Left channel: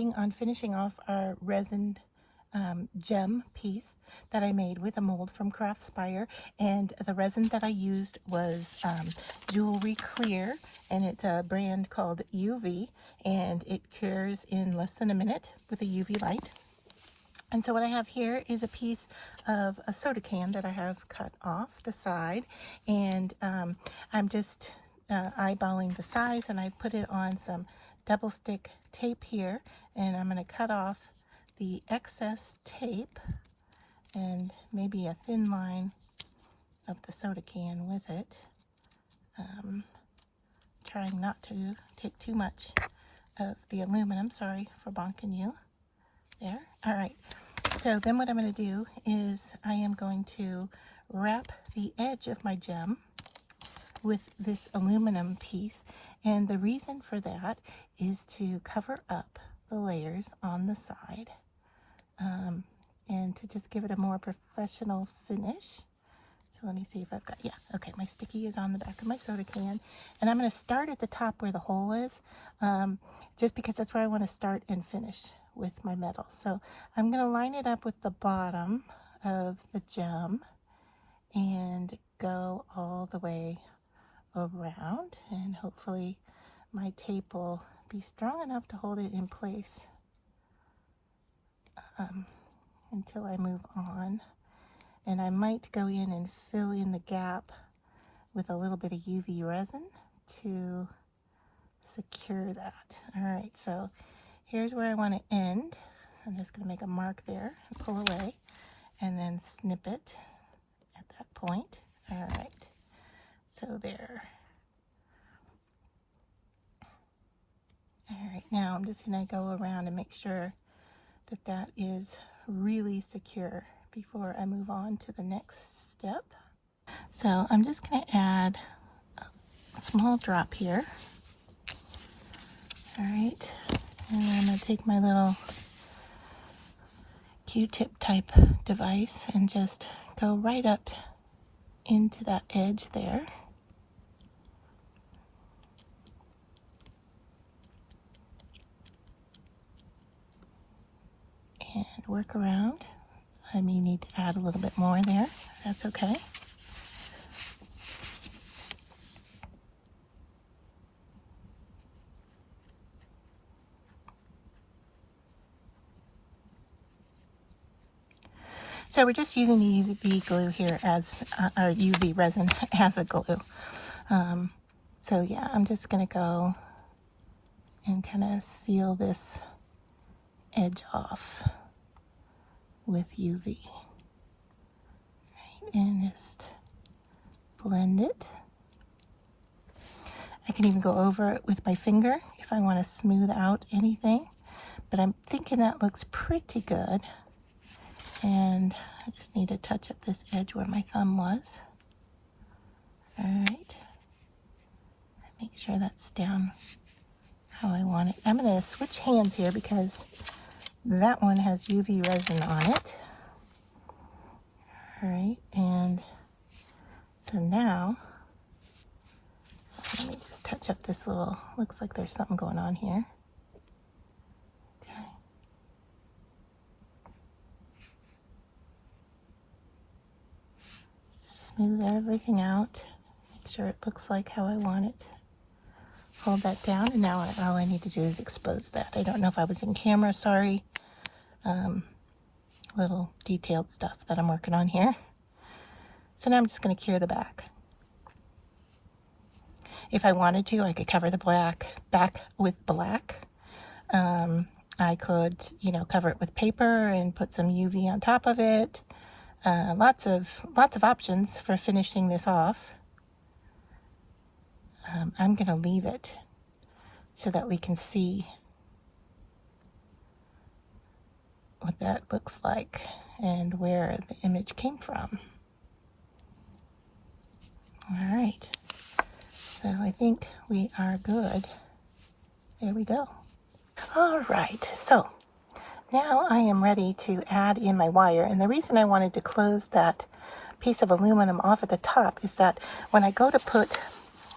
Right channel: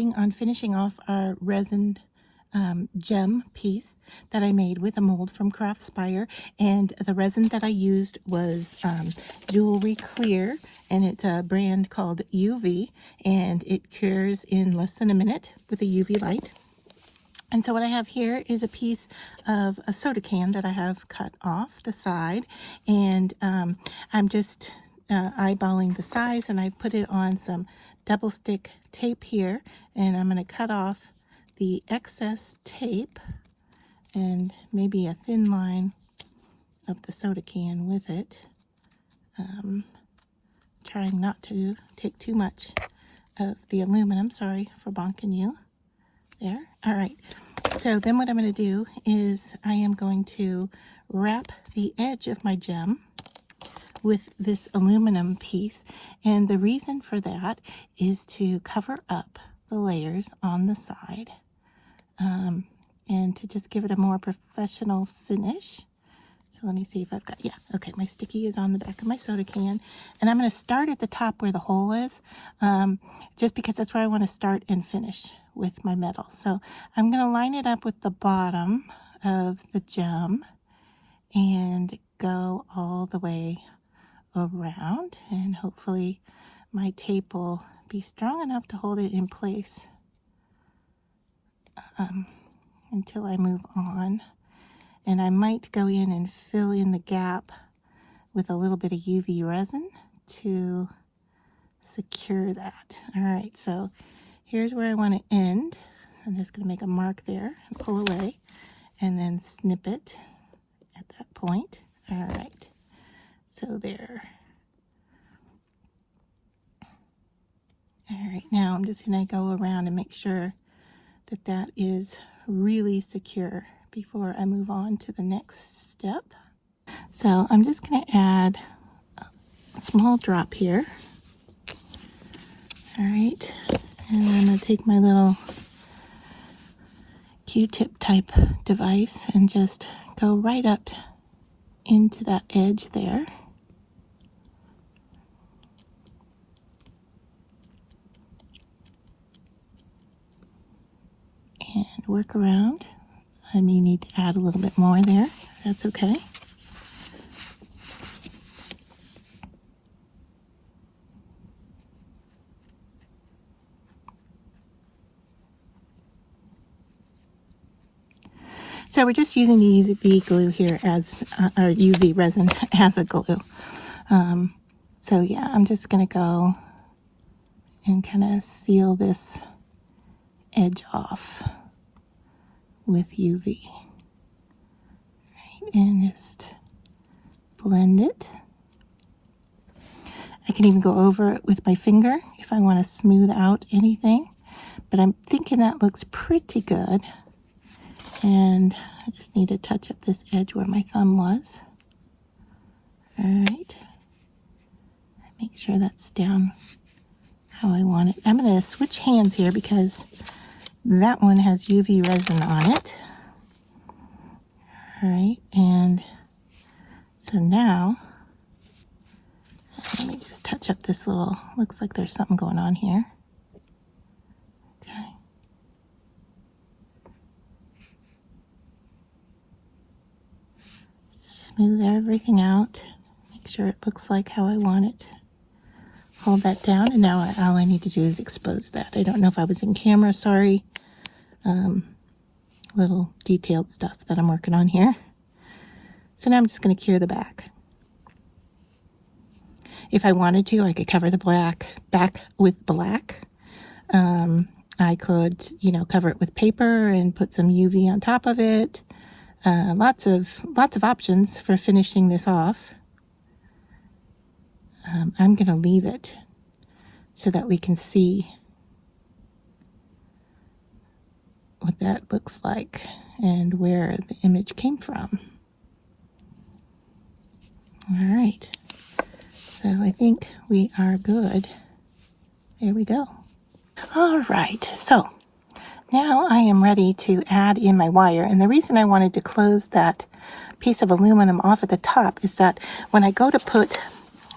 working on finishing off our resin gem piece that I made with a mold from Craftspire, and the resin that I used was Jewelry Clear, and it's a brand called UV, and it cures in less than a minute with a UV light. And so what I have here is a piece of a soda can that I have cut off the side, and I'm just eyeballing the size, and I put it on some double stick tape here, and I'm going to cut off the excess tape and maybe a thin line of the soda can with it, trying not to take too much of the aluminum. Sorry for bonking you there. All right, so then what I'm going to do is I am going to wrap the edge of my gem with this aluminum piece, and the reason for that is to cover up the layers on the side, and to just give it a more professional finish. So let me see if I've got, yeah, okay, my sticky is on the back of my soda can, and I'm going to start at the top where the hole is, just because that's where I want to start and finish with my metal. So I'm going to line it up with the bottom of the gem and go all the way around, and hopefully my tape will be strong enough to hold it in place until I move on. And I might go in and fill in the gap with a little bit of UV resin to secure that. All right, so here's where I want to end. I'm just going to make a mark there and pull away and then snip it at that point. All right, so there. All right, now I'm just going to go around and make sure that that is really secure before I move on to the next step. So I'm just going to add a small drop here. All right, and I'm going to take my little Q-tip type device and just go right up into that edge there. And work around. I may need to add a little bit more there. That's okay. So we're just using the UV glue here as our UV resin as a glue. So yeah, I'm just going to go and kind of seal this edge off with UV. Right, and just blend it. I can even go over it with my finger if I want to smooth out anything, but I'm thinking that looks pretty good. And I just need to touch up this edge where my thumb was. All right, make sure that's down how I want it. I'm going to switch hands here because that one has UV resin on it. All right, and so now let me just touch up this little, looks like there's something going on here. Okay. Smooth everything out. Make sure it looks like how I want it. Hold that down, and now all I need to do is expose that. I don't know if I was in camera, sorry. Little detailed stuff that I'm working on here. So now I'm just going to cure the back. If I wanted to, I could cover the back with black. I could, you know, cover it with paper and put some UV on top of it. Lots of options for finishing this off. I'm going to leave it so that we can see what that looks like and where the image came from. All right, so I think we are good. There we go. All right, so now I am ready to add in my wire, and the reason I wanted to close that piece of aluminum off at the top is that when I go to put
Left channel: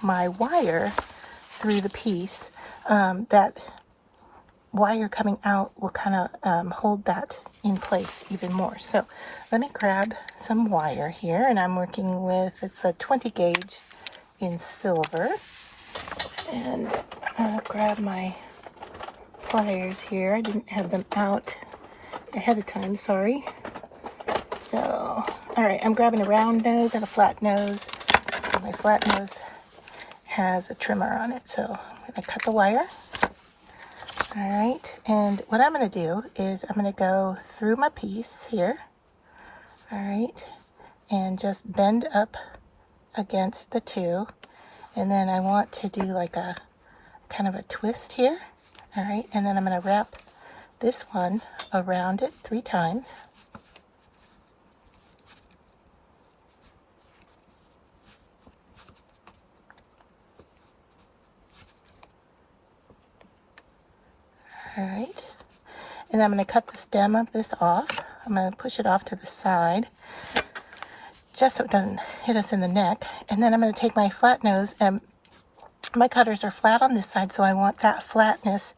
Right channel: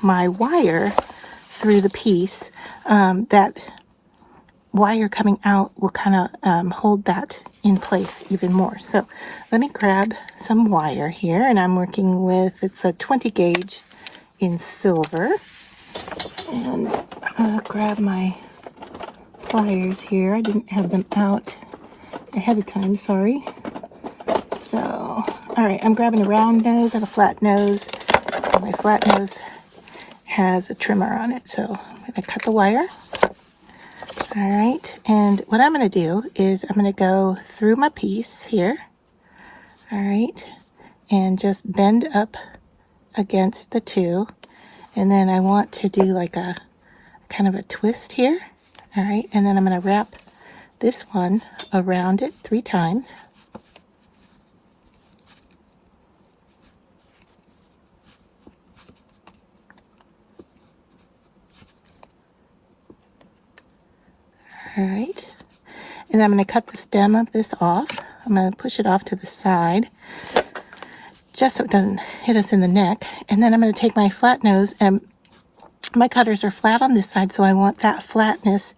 my wire through the piece, that wire coming out will kind of hold that in place even more. So let me grab some wire here, and I'm working with, it's a 20 gauge in silver, and I'll grab my pliers here. I didn't have them out ahead of time, sorry. So, all right, I'm grabbing a round nose and a flat nose. And my flat nose has a trimmer on it, so I'm going to cut the wire. All right, and what I'm going to do is I'm going to go through my piece here, all right, and just bend up against the two, and then I want to do like a kind of a twist here, all right, and then I'm going to wrap this one around it 3 times. All right, and I'm going to cut the stem of this off. I'm going to push it off to the side just so it doesn't hit us in the neck. And then I'm going to take my flat nose, and my cutters are flat on this side, so I want that flatness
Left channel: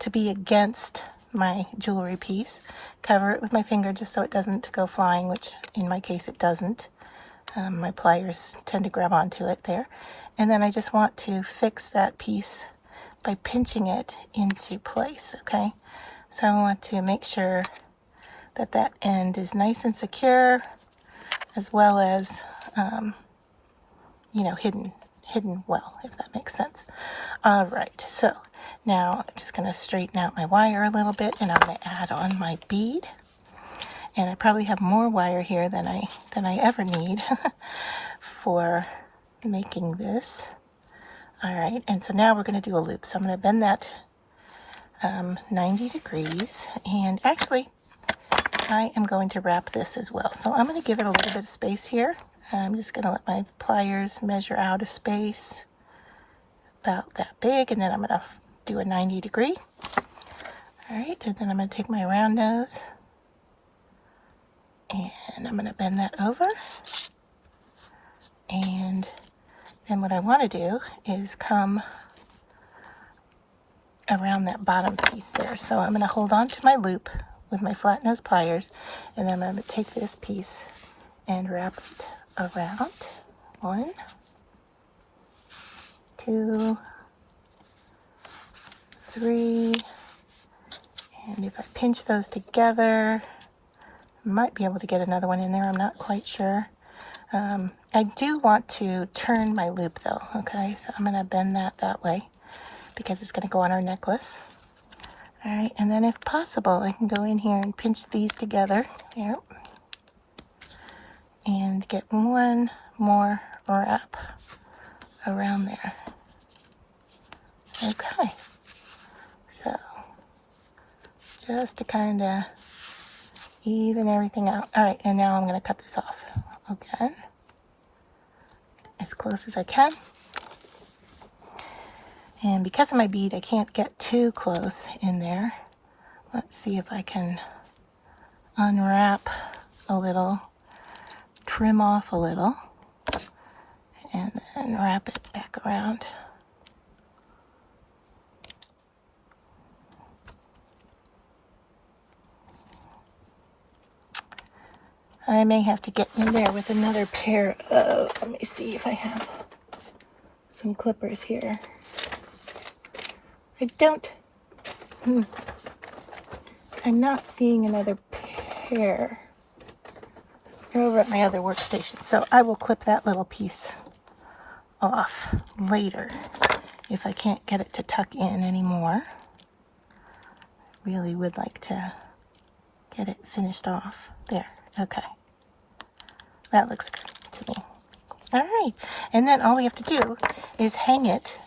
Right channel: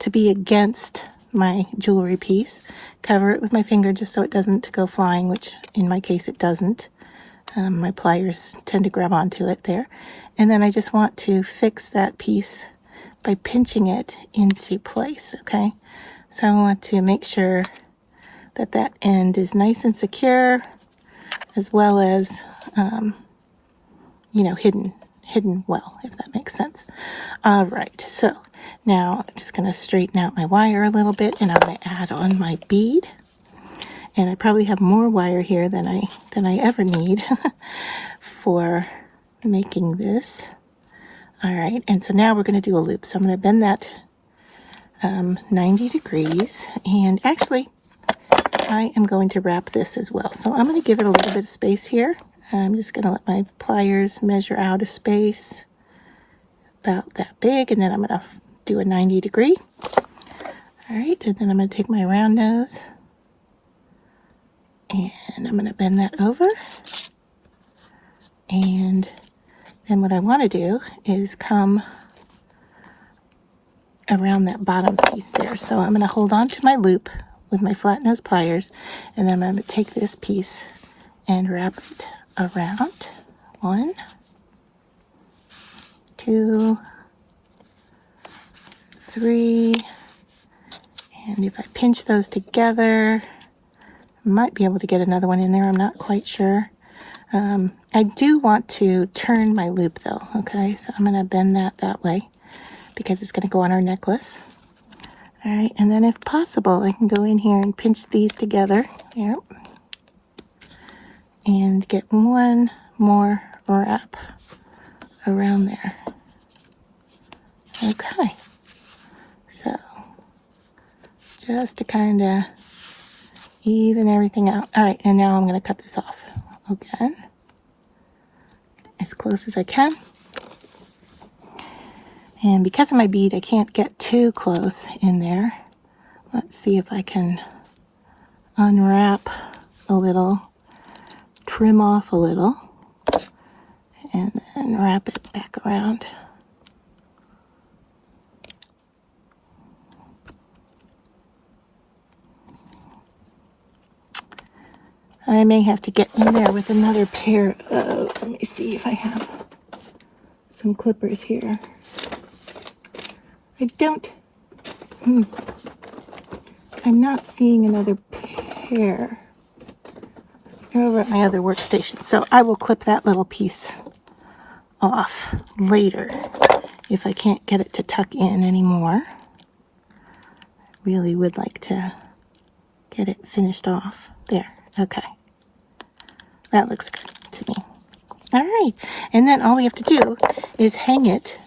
to be against my jewelry piece. Cover it with my finger just so it doesn't go flying, which in my case it doesn't. My pliers tend to grab onto it there. And then I just want to fix that piece by pinching it into place, okay? So I want to make sure that that end is nice and secure, as well as, you know, hidden well, if that makes sense. All right, so now I'm just going to straighten out my wire a little bit, and I'm going to add on my bead. And I probably have more wire here than I ever need for making this. All right, and so now we're going to do a loop. So I'm going to bend that 90 degrees, and actually I am going to wrap this as well. So I'm going to give it a little bit of space here. I'm just going to let my pliers measure out a space about that big, and then I'm going to do a 90 degree. All right, and then I'm going to take my round nose, and I'm going to bend that over. And then what I want to do is come around that bottom piece there. So I'm going to hold on to my loop with my flat nose pliers, and then I'm going to take this piece and wrap it around. 1, 2, 3, and if I pinch those together, I might be able to get another one in there. I'm not quite sure. I do want to turn my loop though, okay? So I'm going to bend that way because it's going to go on our necklace. All right, and then if possible, I can go in here and pinch these together. Yep. And get one more wrap around there. Okay. So just to kind of even everything out. All right, and now I'm going to cut this off again, as close as I can. And because of my bead, I can't get too close in there. Let's see if I can unwrap a little, trim off a little, and then wrap it back around. I may have to get in there with another pair of, let me see if I have some clippers here. I don't, I'm not seeing another pair. They're over at my other workstation. So I will clip that little piece off later if I can't get it to tuck in anymore. I really would like to get it finished off. There, okay. That looks good to me. All right, and then all we have to do is hang it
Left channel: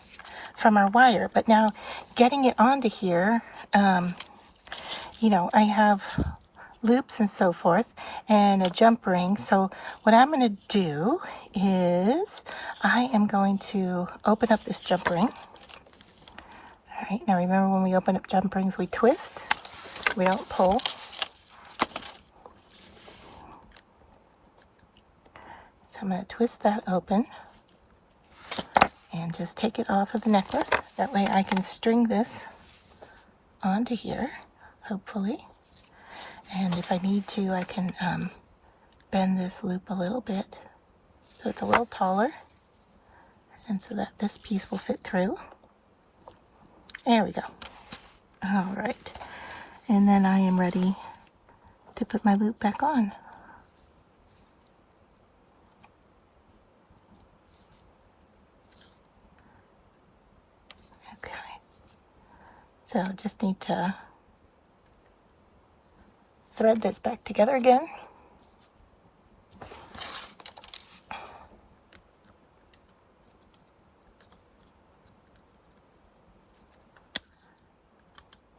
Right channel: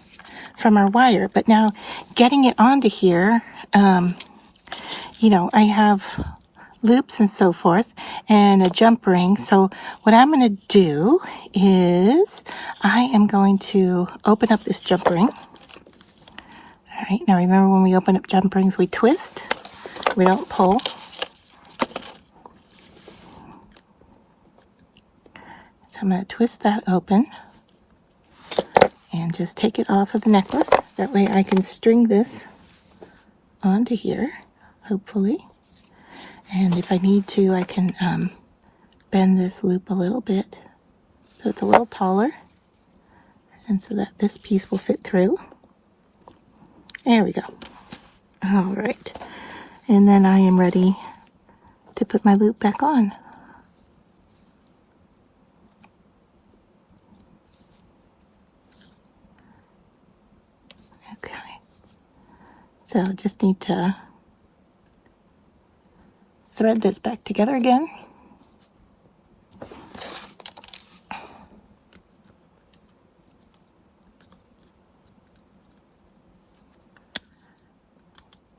from our wire. But now getting it onto here, you know, I have loops and so forth and a jump ring. So what I'm going to do is I am going to open up this jump ring. All right, now remember when we open up jump rings, we twist, we don't pull. I'm going to twist that open and just take it off of the necklace. That way I can string this onto here, hopefully. And if I need to, I can bend this loop a little bit so it's a little taller, and so that this piece will fit through. There we go. All right. And then I am ready to put my loop back on. Okay. So just need to thread this back together again.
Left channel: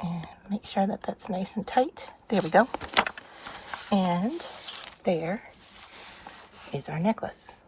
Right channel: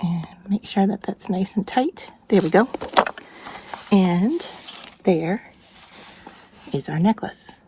And make sure that that's nice and tight. There we go. And there is our necklace.